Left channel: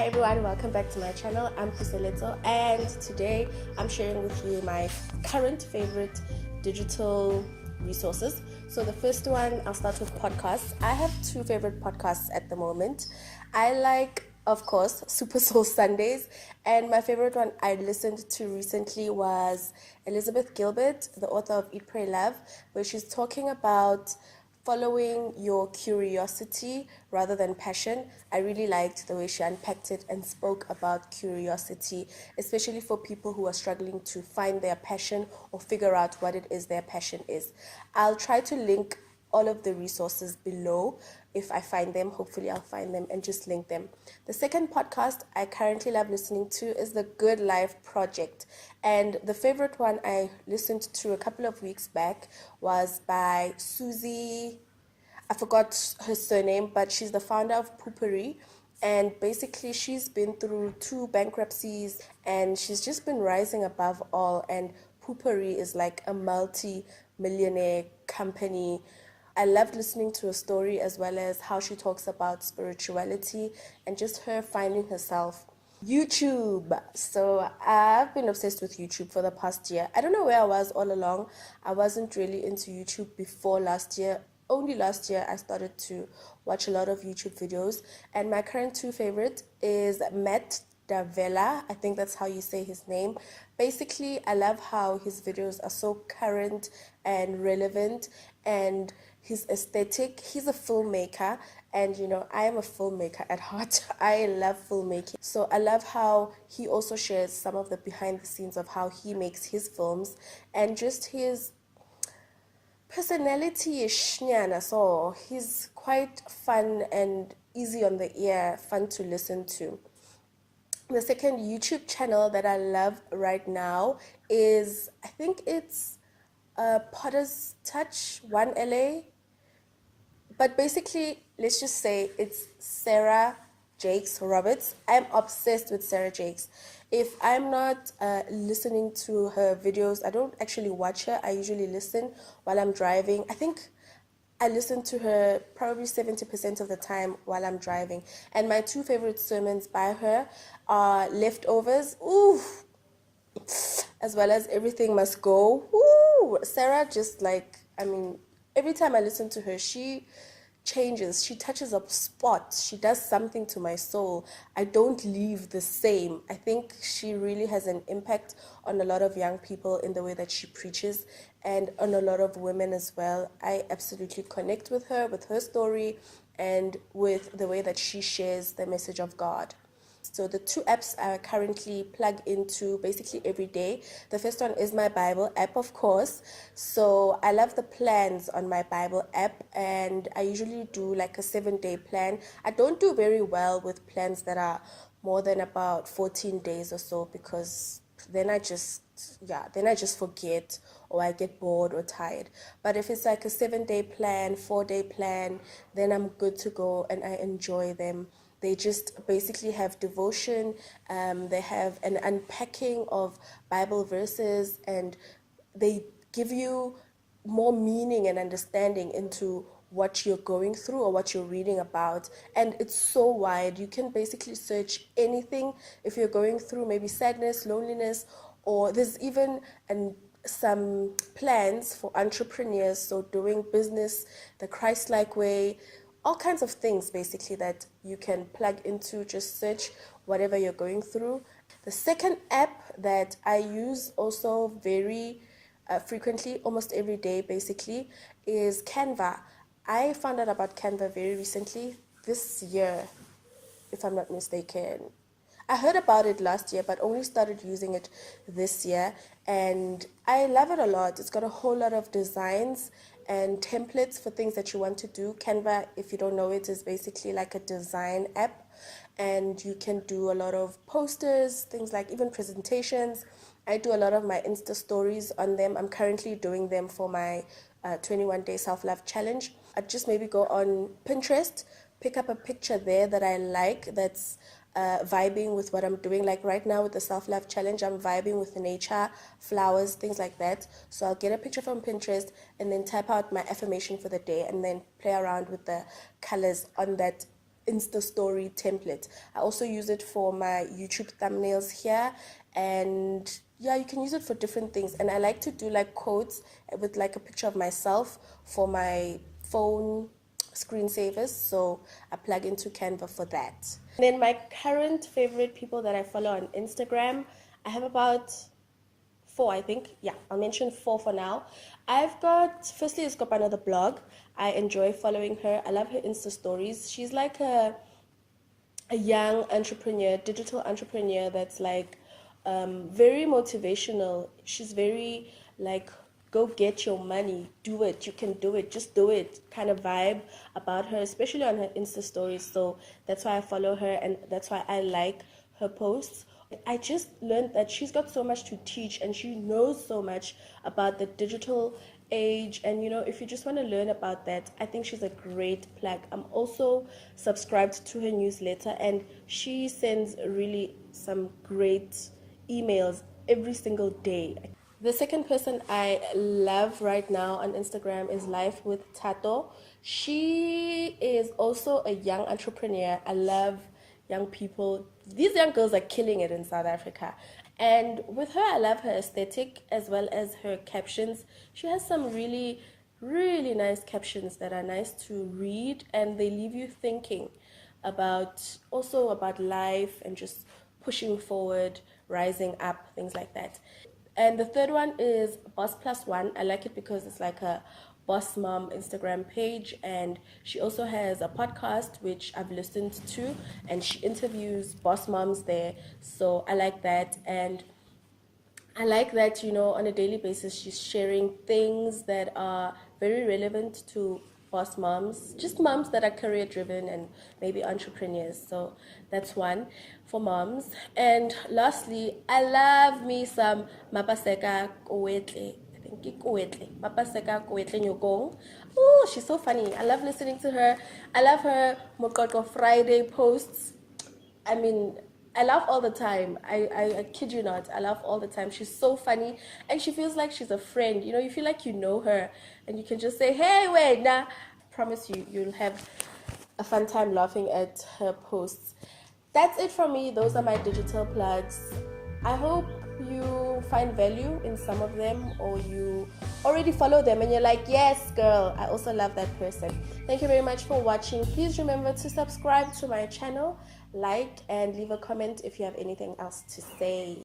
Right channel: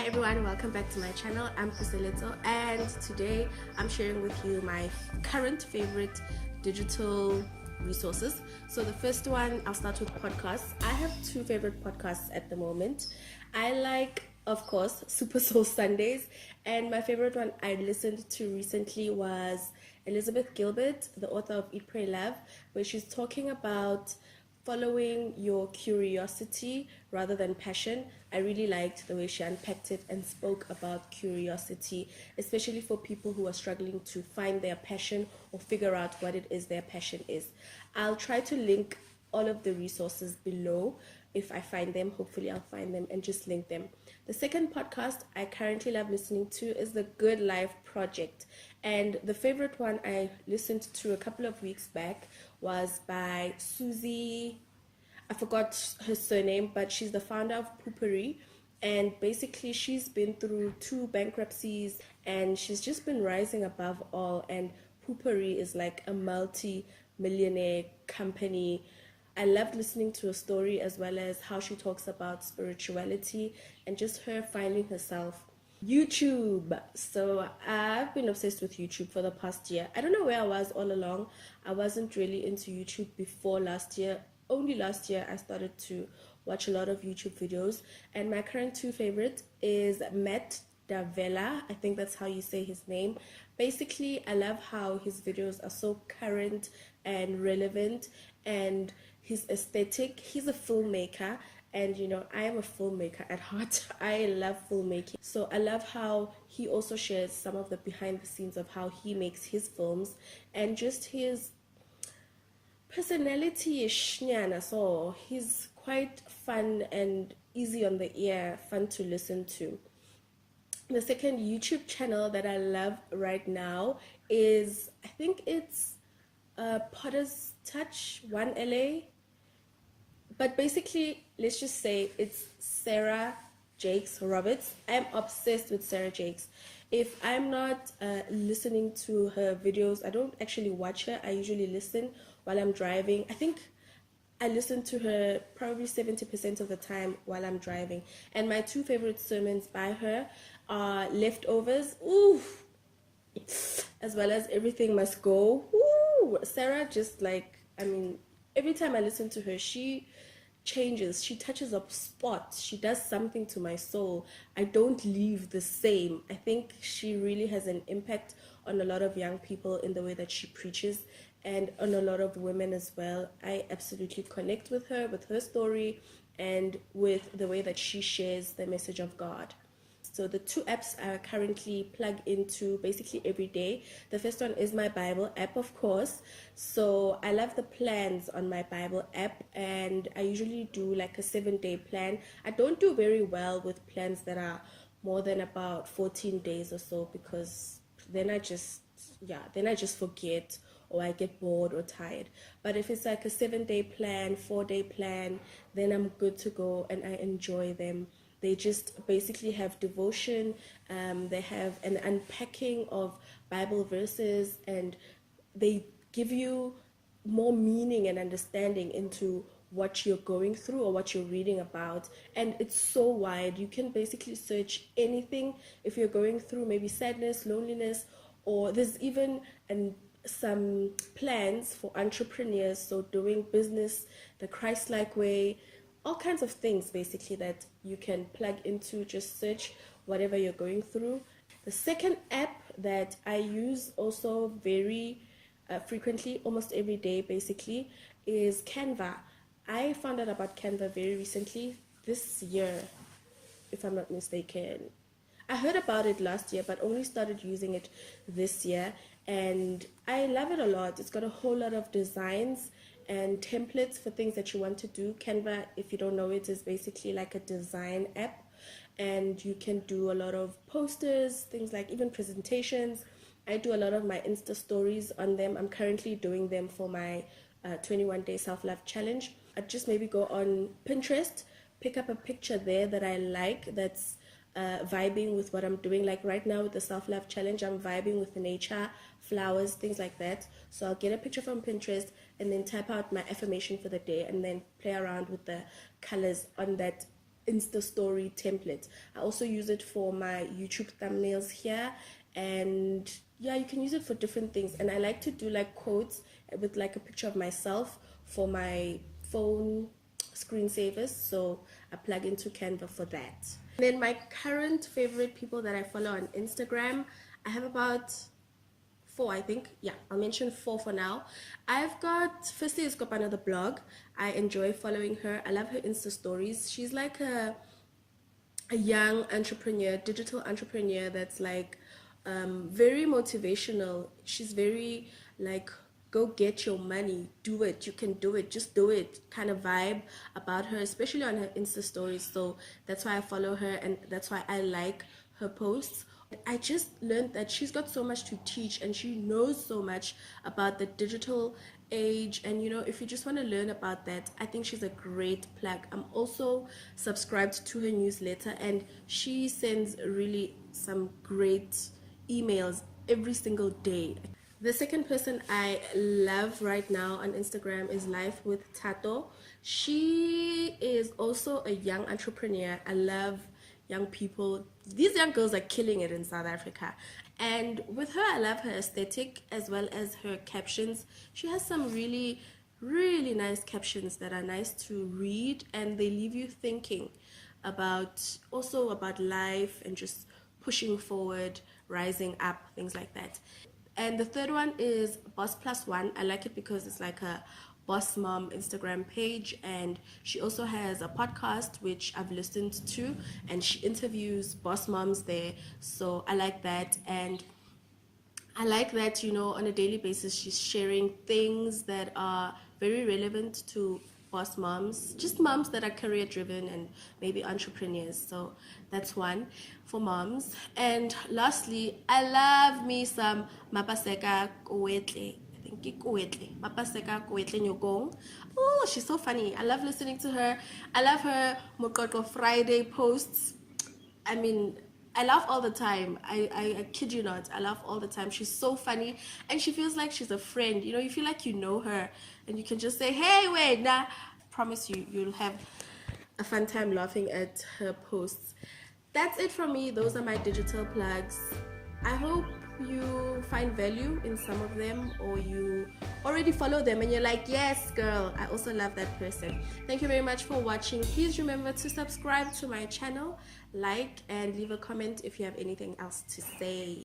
Hi everyone, welcome back to my channel. I'm Kuseleto, and today I'm sharing with you my current favorite digital resources. So the first one, I'll start with podcasts. I have two favorite podcasts at the moment. I like, of course, Super Soul Sundays, and my favorite one I listened to recently was Elizabeth Gilbert, the author of Eat, Pray, Love, where she's talking about following your curiosity rather than passion. I really liked the way she unpacked it and spoke about curiosity, especially for people who are struggling to find their passion or figure out what it is their passion is. I'll try to link all of the resources below. If I find them, hopefully I'll find them and just link them. The second podcast I currently love listening to is the Good Life Project. And the favorite one I listened to a couple of weeks back was by Susie. I forgot her surname, but she's the founder of Poopery. And basically, she's been through two bankruptcies and she's just been rising above all. And Poopery is like a multi-millionaire company. I loved listening to her story as well as how she talks about spirituality and just her finding herself. YouTube. So I've been obsessed with YouTube for the past year. I don't know where I was all along. I wasn't really into YouTube before last year. Only last year I started to watch a lot of YouTube videos. And my current two favorite is Matt Davella. I think that's how you say his name. Basically, I love how his videos are so current and relevant, and his aesthetic. He's a filmmaker, and I am a filmmaker at heart. I love filmmaking, so I love how he also shares some of the behind the scenes of how he makes his films and just his personality is shnyana, so he's quite fun and easy on the ear, fun to listen to. The second YouTube channel that I love right now is, I think it's Potter's Touch 1LA. But basically, let's just say it's Sarah Jakes Roberts. I'm obsessed with Sarah Jakes. If I'm not listening to her videos, I don't actually watch her. I usually listen while I'm driving. I think I listen to her probably 70% of the time while I'm driving. And my two favorite sermons by her are Leftovers, ooh, as well as Everything Must Go. Ooh, Sarah just every time I listen to her, she changes, she touches up spots, she does something to my soul. I don't leave the same. I think she really has an impact on a lot of young people in the way that she preaches, and on a lot of women as well. I absolutely connect with her story, and with the way that she shares the message of God. So the two apps I currently plug into basically every day. The first one is my Bible app, of course. So I love the plans on my Bible app, and I usually do like a 7-day plan. I don't do very well with plans that are more than about 14 days or so, because then I just forget, or I get bored or tired. But if it's like a 7-day plan, 4-day plan, then I'm good to go and I enjoy them. They just basically have devotion, they have an unpacking of Bible verses, and they give you more meaning and understanding into what you're going through or what you're reading about. And it's so wide. You can basically search anything if you're going through maybe sadness, loneliness, or there's even some plans for entrepreneurs, so doing business the Christ-like way, all kinds of things basically that you can plug into. Just search whatever you're going through. The second app that I use also very frequently, almost every day basically, is Canva. I found out about Canva very recently, this year, if I'm not mistaken. I heard about it last year, but only started using it this year, and I love it a lot. It's got a whole lot of designs and templates for things that you want to do. Canva, if you don't know it, is basically like a design app, and you can do a lot of posters, things like even presentations. I do a lot of my Insta stories on them. I'm currently doing them for my 21-day self-love challenge. I'd just maybe go on Pinterest, pick up a picture there that I like, that's vibing with what I'm doing. Like right now with the self-love challenge, I'm vibing with nature, flowers, things like that. So I'll get a picture from Pinterest and then type out my affirmation for the day, and then play around with the colors on that Insta story template. I also use it for my YouTube thumbnails here, and yeah, you can use it for different things. And I like to do like quotes with like a picture of myself for my phone screensavers, so I plug into Canva for that. And then my current favorite people that I follow on Instagram, I have about 4, I think. Yeah, I'll mention 4 for now. I've got, firstly, it's got another blog. I enjoy following her. I love her Insta stories. She's like a young entrepreneur, digital entrepreneur that's like very motivational. She's very like, go get your money, do it, you can do it, just do it kind of vibe about her, especially on her Insta stories. So that's why I follow her, and that's why I like her posts. I just learned that she's got so much to teach, and she knows so much about the digital age. And you know, if you just want to learn about that, I think she's a great plug. I'm also subscribed to her newsletter, and she sends really some great emails every single day. The second person I love right now on Instagram is Life with Tato. She is also a young entrepreneur. I love young people. These young girls are killing it in South Africa. And with her, I love her aesthetic as well as her captions. She has some really, really nice captions that are nice to read, and they leave you thinking about also about life and just pushing forward, rising up, things like that. And the third one is Boss Plus One. I like it because it's like a boss mom Instagram page, and she also has a podcast which I've listened to, and she interviews boss moms there. So I like that, and I like that, you know, on a daily basis she's sharing things that are very relevant to boss moms, just moms that are career driven and maybe entrepreneurs. So that's one for moms. And lastly, I love me some Mapaseka Kowetle. I think Kowetle. Mapaseka Kowetle Nyokong. Oh, she's so funny. I love listening to her. I love her Mokoko Friday posts. I mean, I laugh all the time. I kid you not. I laugh all the time. She's so funny, and she feels like she's a friend. You know, you feel like you know her, and you can just say, hey, wait, nah. Promise you, you'll have a fun time laughing at her posts. That's it from me. Those are my digital plugs. I hope you find value in some of them, or you already follow them and you're like, yes, girl, I also love that person. Thank you very much for watching. Please remember to subscribe to my channel, like, and leave a comment if you have anything else to say.